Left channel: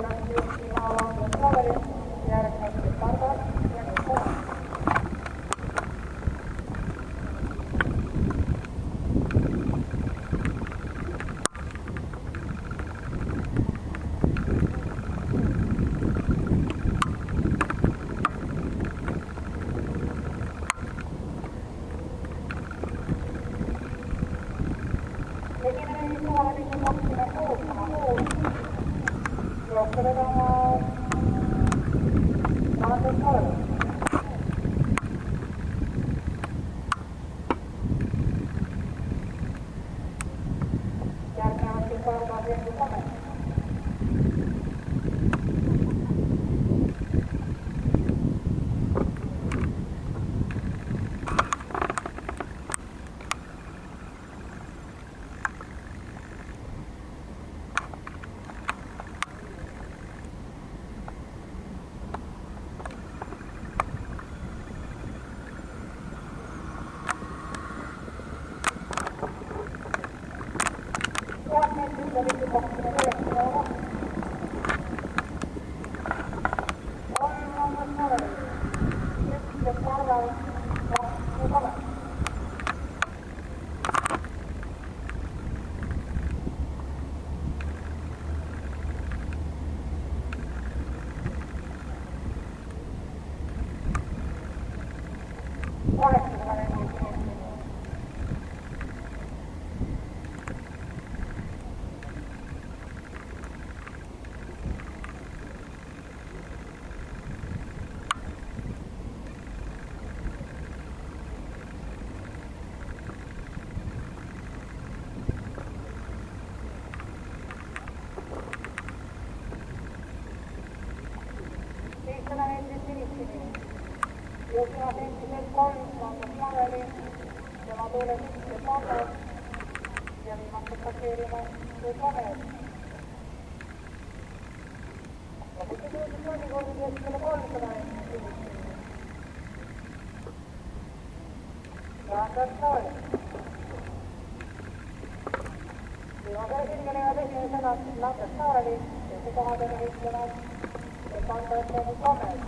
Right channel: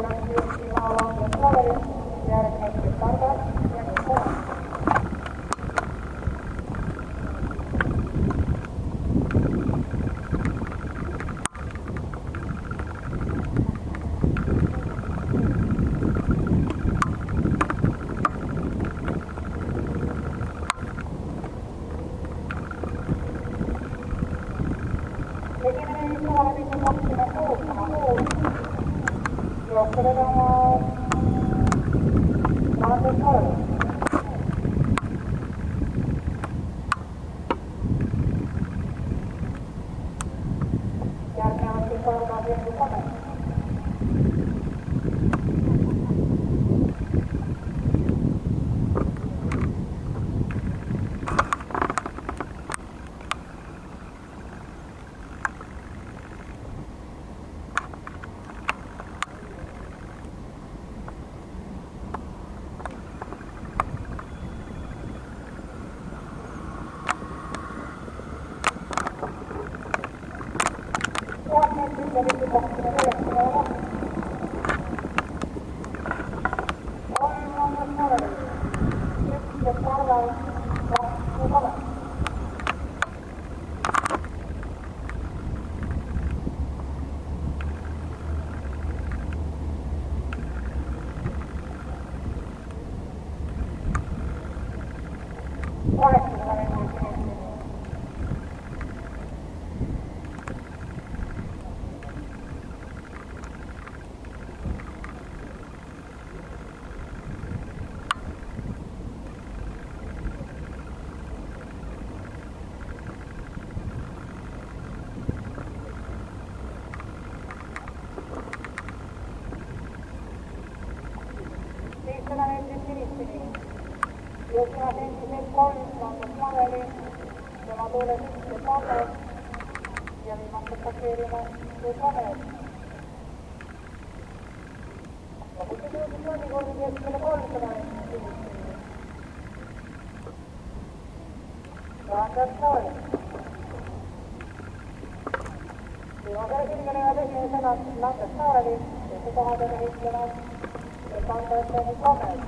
läks juhtima Andres Klaveri, järgnes Targas ja Nikolai. Esimene Nikolai 26,6. Johtavana Andres Klaveri. Järgnevasti Targas ja Nikolai. Juhtima senttiset 3 Andres Klaveri, tema tuule sisse Targas ja viimast passeerime Klaveri. Lopuksi jõudis mõnikordi keskele 300 ja Andres Klaveri. Viimasele sirgelevad esimesena Andres Klaveri, teise kohadele võitlevad Andres Klaveri.